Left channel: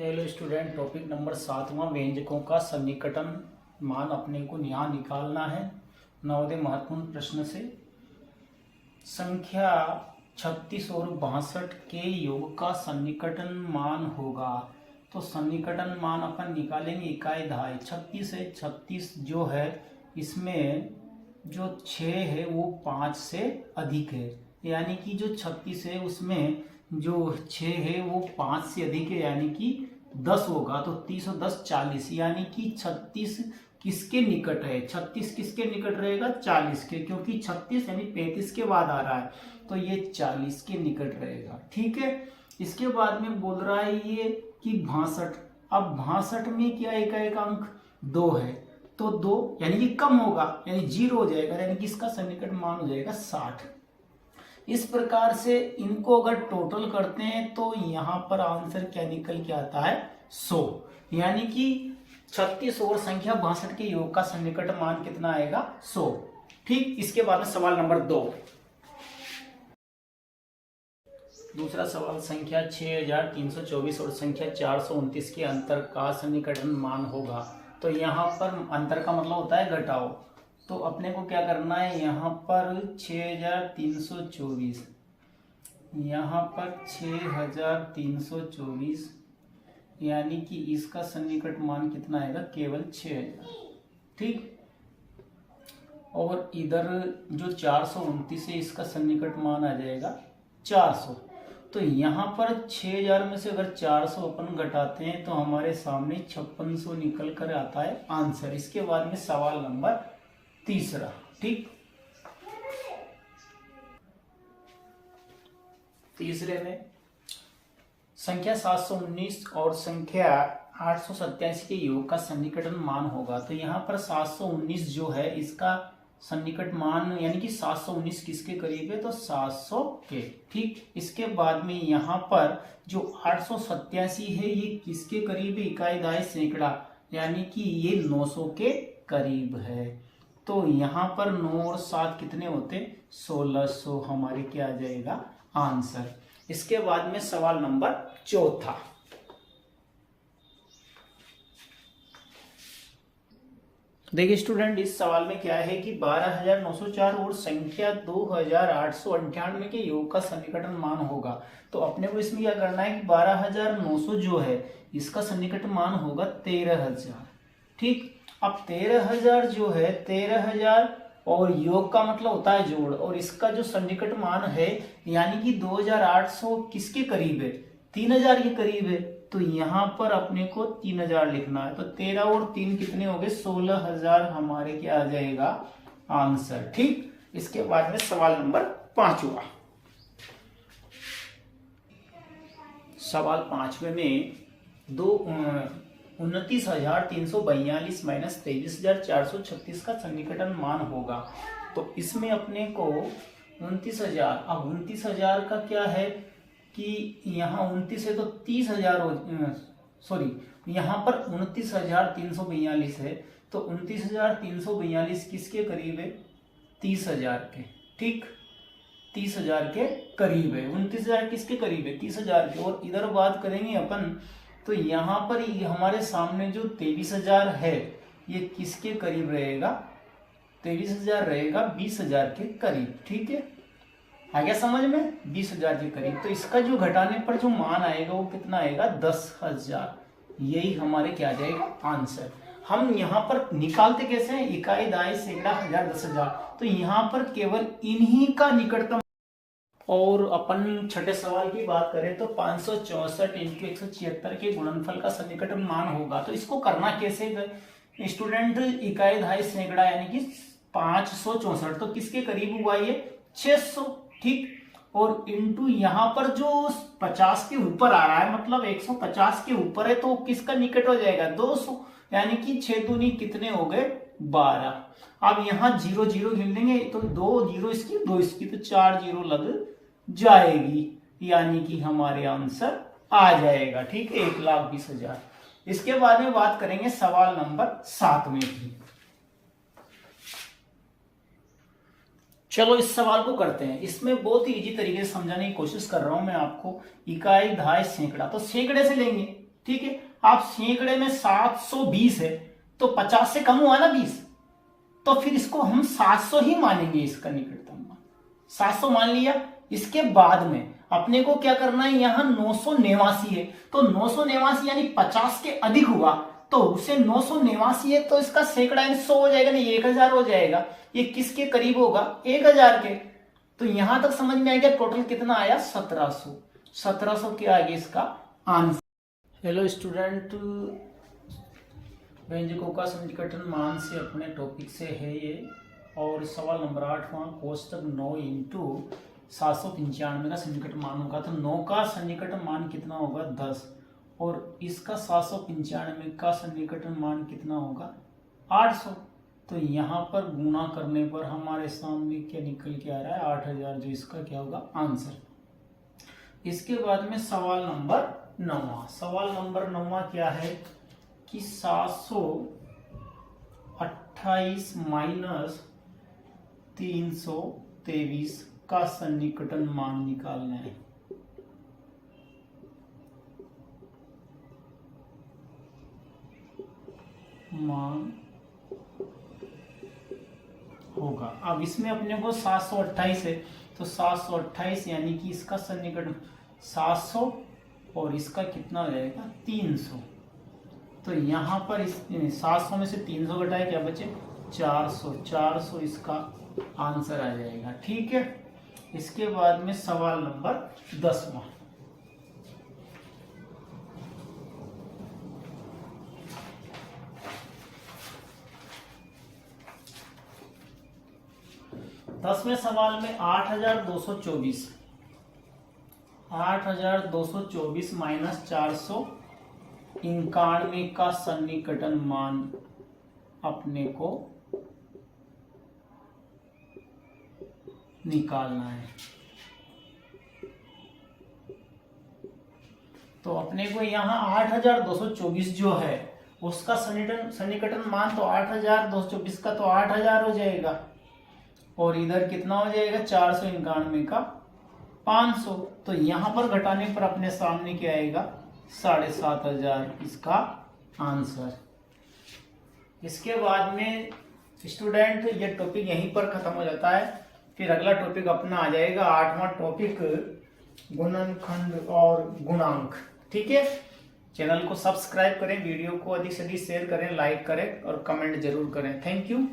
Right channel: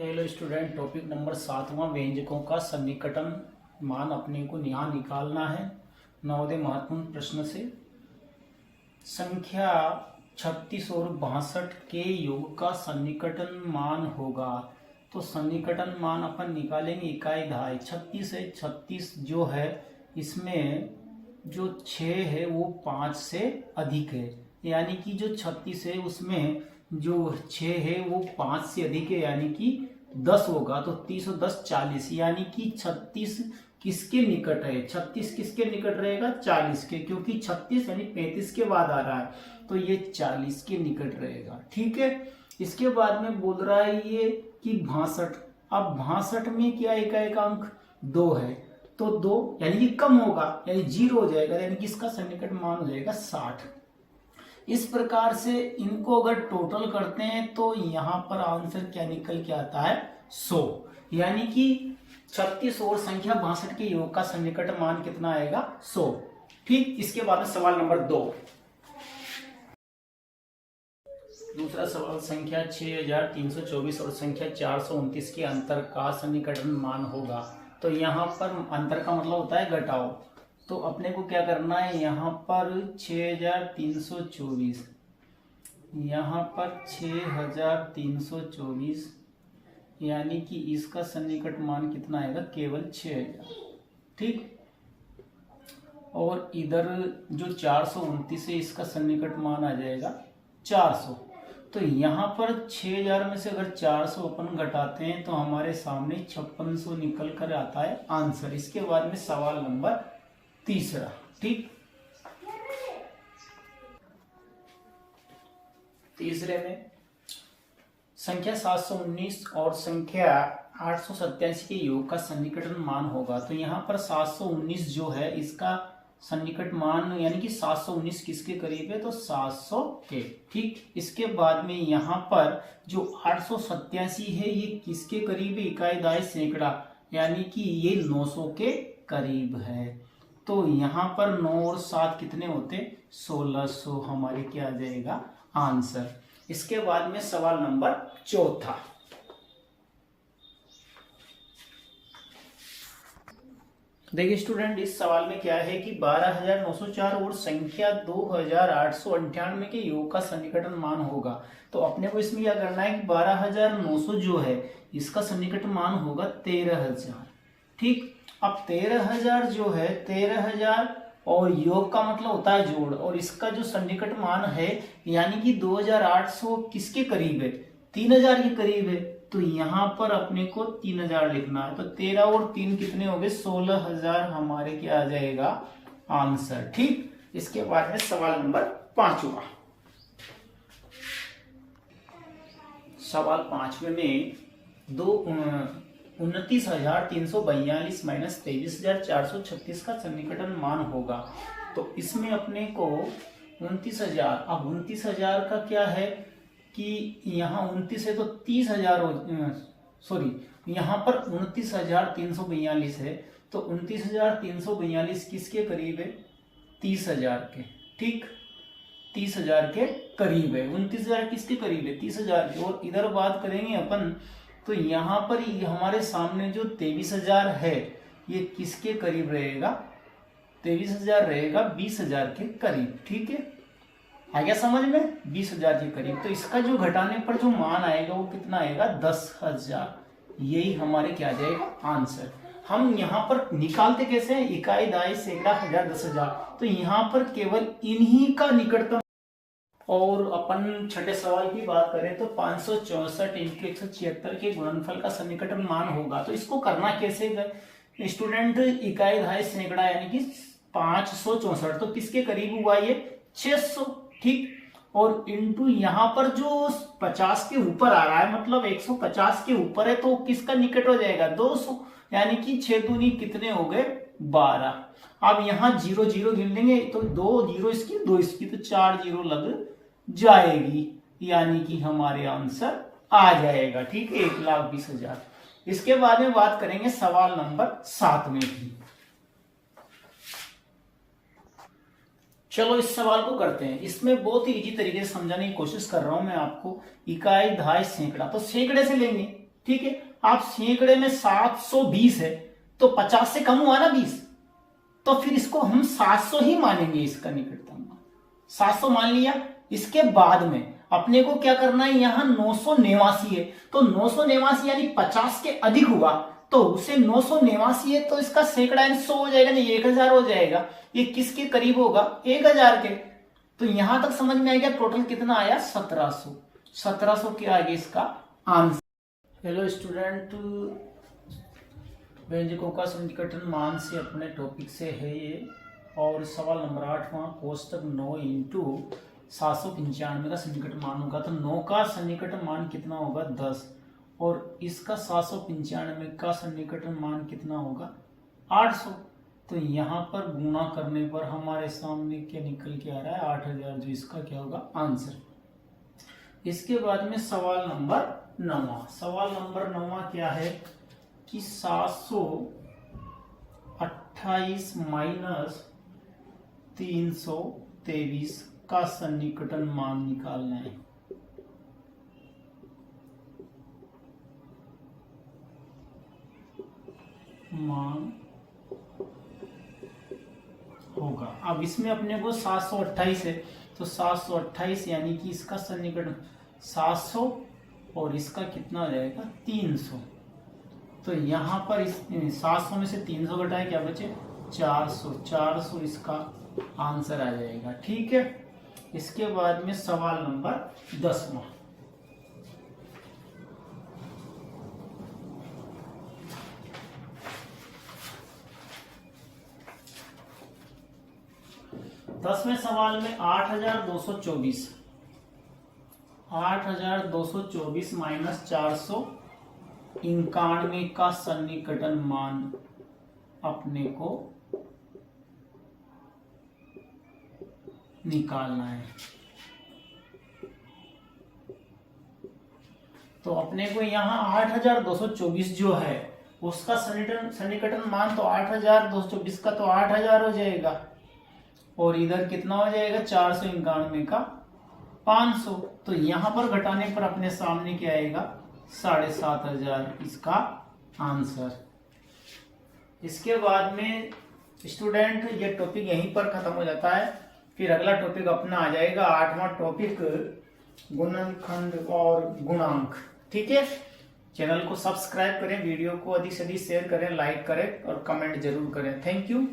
Hello student, topic number 7वां व्यंजकों का सन्निकटन मान अपने को यहाँ निकालना है। नवोदय महत्वपूर्ण प्रश्न से संख्या 36 और 62 के योग का सन्निकटन मान होगा। तो सन्निकटन मान अपन निकालेंगे इकाई दहाई। 36 है, 36 जो है इसमें जो 6 है वो 5 से अधिक है, यानी कि जो 36 है उसमें जो 6 है वो 5 से अधिक है, यानी कि 10 होगा। तो 30 और 10 40, यानी कि 36 किसके निकट है? 36 किसके निकट रहेगा? 40 के, क्योंकि 36 यानी 35 के बाद आ रहा है, तो ये 40 के निकट रहेगा। ठीक है। इसके बाद में बोल रहा है ये कि 62। अब 62 में क्या एक अंक 2 है, तो 2 यानी कि कम होगा, यानी 0 हो जाएगा, यानी कि इसका सन्निकट मान हो जाएगा 60। इस प्रकार से इनको अगर टोटल करते हैं तो यहां पर आंसर क्या निकल के आता है? 100। यानी कि 36 और संख्या 62 के योग का सन्निकट मान कितना आएगा? 100। ठीक। इसके बाद में सवाल नंबर 2। दूसरा सवाल, संख्या 6324 और संख्या 429 के अंतर का सन्निकटन मान होगा। तो यहाँ पर अंतर का मतलब होता है घटाओ। तो अपने को क्या करना है, यहाँ पर 6324, यहाँ पर 6324, यानी कि इसका सन्निकट मान कितना आएगा? केवल 6000। ठीक। और इधर जो 429 है इसका सन्निकट मान आ जाएगा 400। तो यहाँ पर 6000 में से अगर 400 अपन घटाते हैं तो हमारे सामने 5600 निकल कर आता है आंसर। इसके बाद में सवाल नंबर 3। ठीक। तीसरे में संख्या 719 और संख्या 887 के योग का सन्निकटन मान होगा। तो यहाँ पर 719 जो है इसका सन्निकट मान, यानी कि 719 किसके करीब है? तो 700 के। ठीक। इसके बाद में यहाँ पर जो 887 है ये किसके करीब है? इकाई दहाई सैकड़ा, यानी कि ये 900 के करीब है। तो यहाँ पर 9 और 7 कितने होते? 1600 हमारे क्या आ जाएगा? आंसर। इसके बाद में सवाल नंबर 4। देखिए स्टूडेंट, इस सवाल में क्या है कि 12904 और संख्या 2898 के योग का सन्निकटन मान होगा। तो अपने को इसमें क्या करना है कि 12900 जो है इसका सन्निकट मान होगा 13000। ठीक। अब 13000 जो है 13000 और योग का मतलब होता है जोड़, और इसका जो सन्निकट मान है यानी कि 2800 किसके करीब है? 3000 के करीब है। तो यहाँ पर अपने को 3000 लिखना है। तो 13 और 3 कितने हो गए? 16000 हमारे क्या आ जाएगा? आंसर। ठीक। इसके बाद में सवाल नंबर 5 हुआ। सवाल 5वें में 29,342 माइनस 23,436 का सन्निकटन मान होगा। तो इसमें अपने को 29,000, अब 29,000 का क्या है कि यहाँ 29 है तो 30,000 सॉरी, यहाँ पर 29,342 है, तो 29,342 किसके करीब है? 30,000 के। ठीक। 30,000 के करीब है। 29,000 किसके करीब है? 30,000 के। और इधर बात करेंगे अपन तो यहाँ पर हमारे सामने जो 23,000 है ये किसके करीब रहेगा? 23,000 रहेगा 20,000 के करीब। ठीक है, आ गया समझ में? 20,000 के करीब। तो इसका जो घटाने पर जो मान आएगा वो कितना आएगा? 10,000। यही हमारे क्या जाएगा? आंसर। हम यहाँ पर निकालते कैसे हैं? इकाई दहाई सैकड़ा हजार 10,000। तो यहाँ पर केवल इन्हीं का निकटतम। और अपन छठे सवाल की बात करें तो 564 इंटू 176 के गुणनफल का सन्निकटन मान होगा। तो इसको करना कैसे स्टूडेंट? इकाई दहाई सैकड़ा यानी कि 564, तो किसके करीब हुआ ये? 600। ठीक। और इंटू यहाँ पर जो 50 के ऊपर आ रहा है, मतलब 150 के ऊपर है, तो किसका निकट हो जाएगा? 200, यानी कि 6 दूनी कितने हो गए? 12। अब यहाँ 0 0 गिन लेंगे तो 2 0 इसकी 2 इसकी, तो 4 0 लग जाएगी, यानी कि हमारे आंसर आ जाएगा। ठीक है, 1,20,000। इसके बाद में बात करेंगे सवाल नंबर 7 में भी। चलो इस सवाल को करते हैं। इसमें बहुत ही इजी तरीके से समझाने की कोशिश कर रहा हूं मैं आपको। इकाई दहाई सैकड़ा, तो सैकड़े से लेंगे। ठीक है। आप सैकड़े में 720 है तो 50 से कम हुआ ना 20, तो फिर इसको हम 700 ही मानेंगे, इसका निकटतम मान 700 मान लिया। इसके बाद में अपने को क्या करना है, यहां 989 है तो 989 यानी 50 के अधिक हुआ तो उसे 989 है तो इसका सैकड़ा 100 हो जाएगा, नहीं 1000 हो जाएगा। ये किसके करीब होगा, 1000 के। तो यहां तक समझ में आएगा। टोटल कितना आया, 1700। 1700 के आगे इसका आंसर। हेलो स्टूडेंट, व्यंजकों का सन्निकटन मान से अपने टॉपिक से है ये, और सवाल नंबर 8वां कोष्टक 9 इंटू 795 का सन्निकटन मान होगा। तो 9 का सन्निकटन मान कितना होगा, 10, और इसका 795 का सन्निकटन मान कितना होगा, 800। तो यहाँ पर गुणा करने पर हमारे सामने क्या निकल के आ रहा है, 8000, जो इसका क्या होगा आंसर। इसके बाद में सवाल नंबर 9। सवाल नंबर 9 क्या है कि 728 माइनस 323 का सन्निकटन मान निकालना है। मान होगा। अब इसमें अपने को 728 है तो 728 यानी कि इसका सन्निकटन 700 और इसका कितना हो जाएगा, 300। तो यहां पर इस 700 में से 300 घटाए क्या बचे, 400। 400 इसका आंसर आ जाएगा, ठीक है। इसके बाद में सवाल नंबर 10वां। दसवें सवाल में 8224 माइनस 491 का सन्निकटन मान अपने को निकालना है। तो अपने को यहाँ 8224 जो है उसका सन्निकटन मान तो 8224 का तो 8000 हो जाएगा, और इधर कितना हो जाएगा, 491 का 500। तो यहां पर घटाने पर अपने सामने क्या आएगा, 7500 इसका आंसर। इसके बाद में स्टूडेंट ये टॉपिक यहीं पर खत्म हो जाता है। फिर अगला टॉपिक अपना आ जाएगा 8वां टॉपिक, गुणनखंड और गुणांक, ठीक है। चैनल को सब्सक्राइब करें, वीडियो को अधिक से अधिक शेयर करें, लाइक करें और कमेंट जरूर करें। Thank you.